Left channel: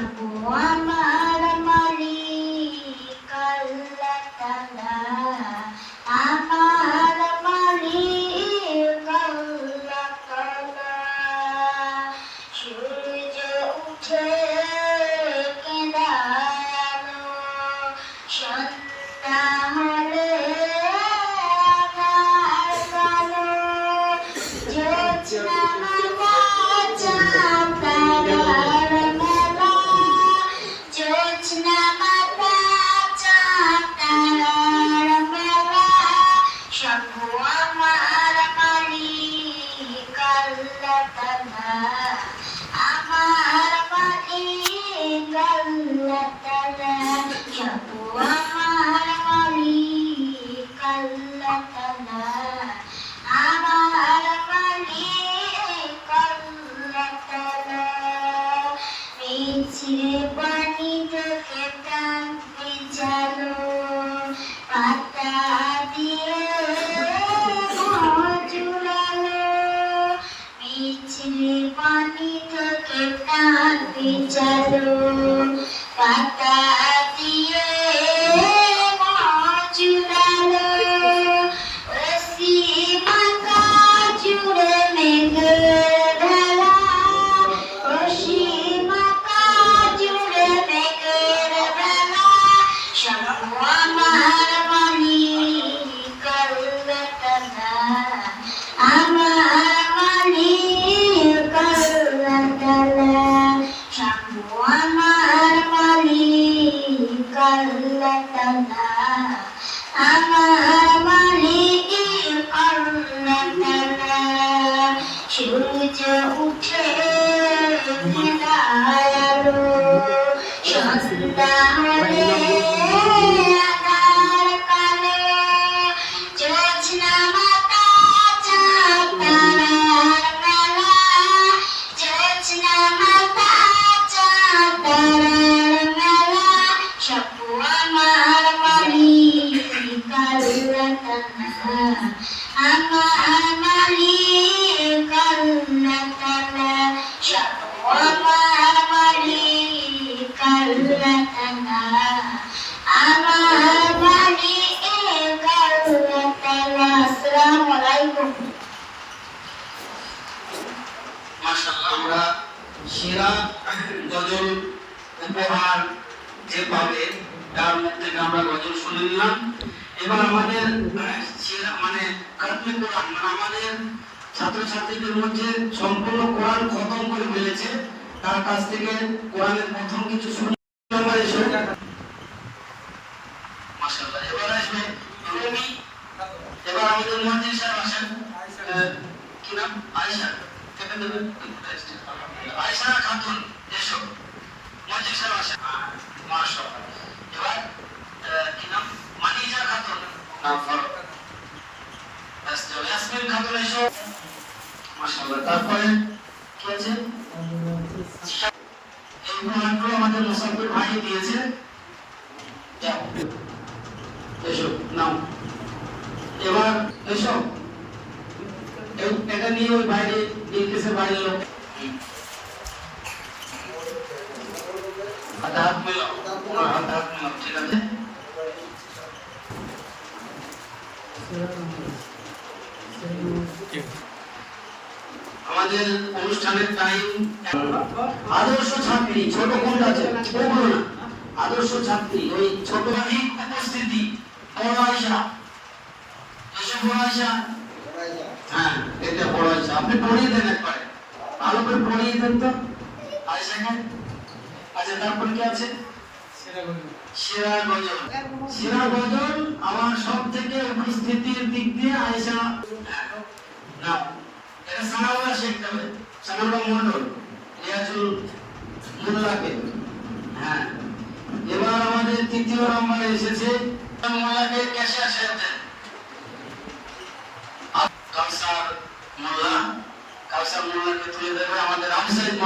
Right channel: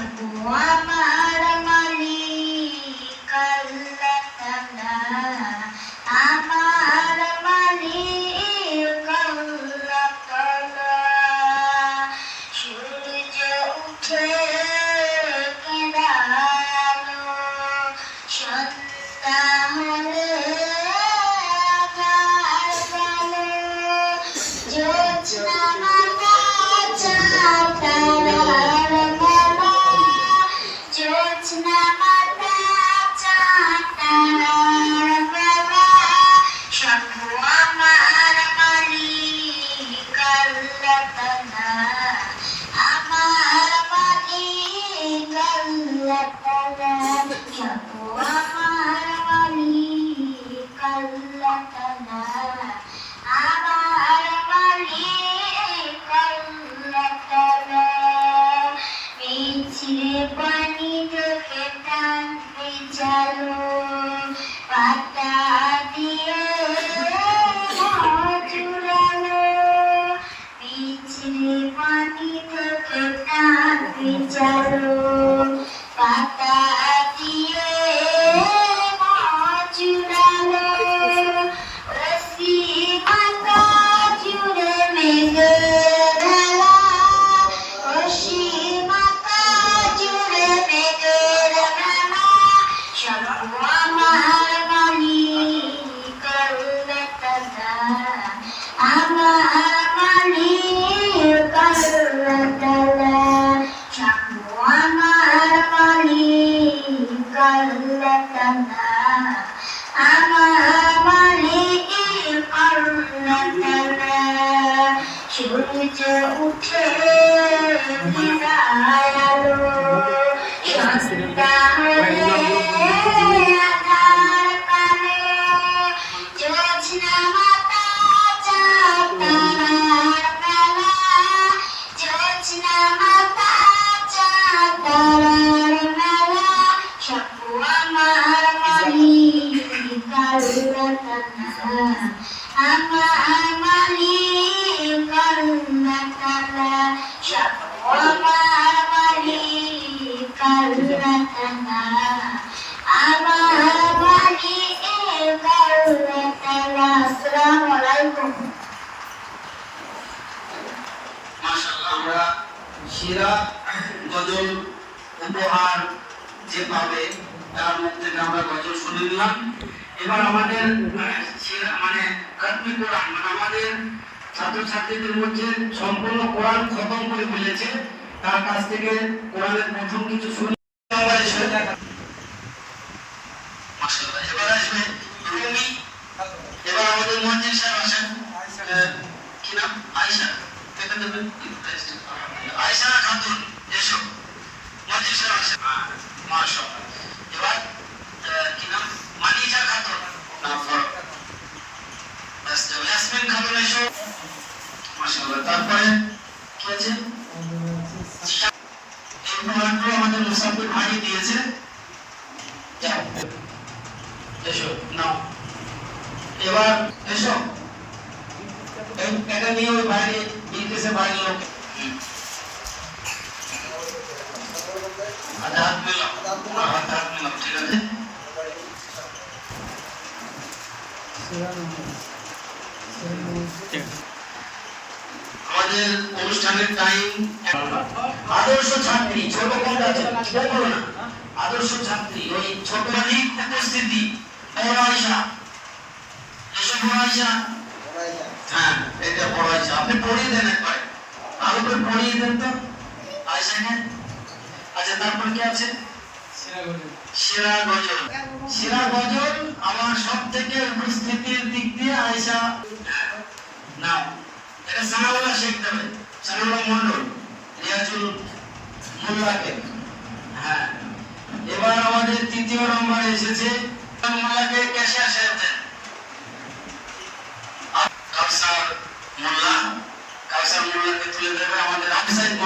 শম্ভু আমার মালিক আল্লাহ তাআলা, আমার মালিক আল্লাহ তাআলা। সূর্য উঠে কেঁদালো, সন্ধ্যা হলে আঁধার কালো, জ্যোৎস্না মাতা চাঁদ তারার মেলা, জ্যোৎস্না মাতা চাঁদ তারার মেলা। শম্ভু আমার মালিক আল্লাহ তাআলা, আমার মালিক আল্লাহ তাআলা। শম্ভু আমার মালিক আল্লাহ তাআলা, আমার মালিক আল্লাহ তাআলা। মিছরি পানি থেকে টান ভিজালো, পাতা দিয়ে জুড়ালো। মিছরি পানি থেকে টান ভিজালো, পাতা দিয়ে জুড়ালো। রশি মাথা জুড়ে মেঘের ভেলা, রশি মাথা জুড়ে মেঘের ভেলা। শম্ভু আমার মালিক আল্লাহ তাআলা, আমার মালিক আল্লাহ তাআলা। শম্ভু আমার মালিক আল্লাহ তাআলা, আমার মালিক আল্লাহ তাআলা। সূর্য উঠে দাঁড়ালো, সন্ধ্যা হলে আঁধার কালো, জ্যোৎস্না মাতা চাঁদ তারার মেলা, জ্যোৎস্না মাতা চাঁদ তারার মেলা। শম্ভু আমার মালিক আল্লাহ তাআলা, আমার মালিক আল্লাহ তাআলা। শম্ভু আমার মালিক আল্লাহ তাআলা, আমার মালিক আল্লাহ তাআলা। আসসালামু আলাইকুম। মাশাআল্লাহ, আমরা সেরা গজল উপহার যে পাবে তার মুখ থেকে আমরা গজল শুনে নিলাম। এবার আমাদের সেরা খতমে কোরআন, আমাদের ছাত্রছাত্রীদের মধ্যে সম্পূর্ণ কোরআন খতম করে ফেলেছে, তার কাছ থেকে কোরআনের প্রথম কিছু শুনি। মাশাআল্লাহ, এবার আসবে রুমি। এবার আমাদের মুয়াজ্জিন সাহেব আসেন, কি নাম? আয়েশা। আয়েশা খাতুন, এসো। মুয়াজ্জিন সাহেব আসেন। মাশাআল্লাহ। এবার কি নাম? মানিজা খাতুন। নাম ফরক। ইয়াসমিন খাতুন, এসো। মাশাআল্লাহ। তারপরে কি আছে? এই উপহারগুলো আমাদের মুসাফির ভাগে দিয়েছে। যাও, এসো, নাও। এবার এসো, এটা নিয়ে ওই বাইরে ইংলিশে বাইরে লোক হাত মেলাও, ঠিক আছে? আমাদের অনুষ্ঠানের টাইম। আদর্শ ছাত্রী, ছোট কোনটা আছে? বলবো না। আদর্শ ছাত্রী ওই ছোট উপস্থিতি। বড় আয়েশা, এসব বড় আয়েশা। হ্যাঁ, এটা বড় আয়েশা। আপনি পড়িয়ে দেন একবার, আরো করে পড়িয়ে দেন তো আয়েশাকে। আচ্ছা, তারপরে কি আছে? সেরা গজল। সেরা গজল আমার সব থেকে উপস্থিতির দিক দিয়ে আয়েশা। না, এটা সানাউল্লাহ শিখতে হবে, সানাউল্লাহ মন্ডল, রিয়াজুল মোল্লাকে। হ্যাঁ, এবার আমাদের তৃতীয় নম্বরে এসেছে মোল্লাকে। ক্যাশিয়ার সাহেব দেন। কাউসার মোল্লাকে তুলে দেবে আমাদের হামসাইদ।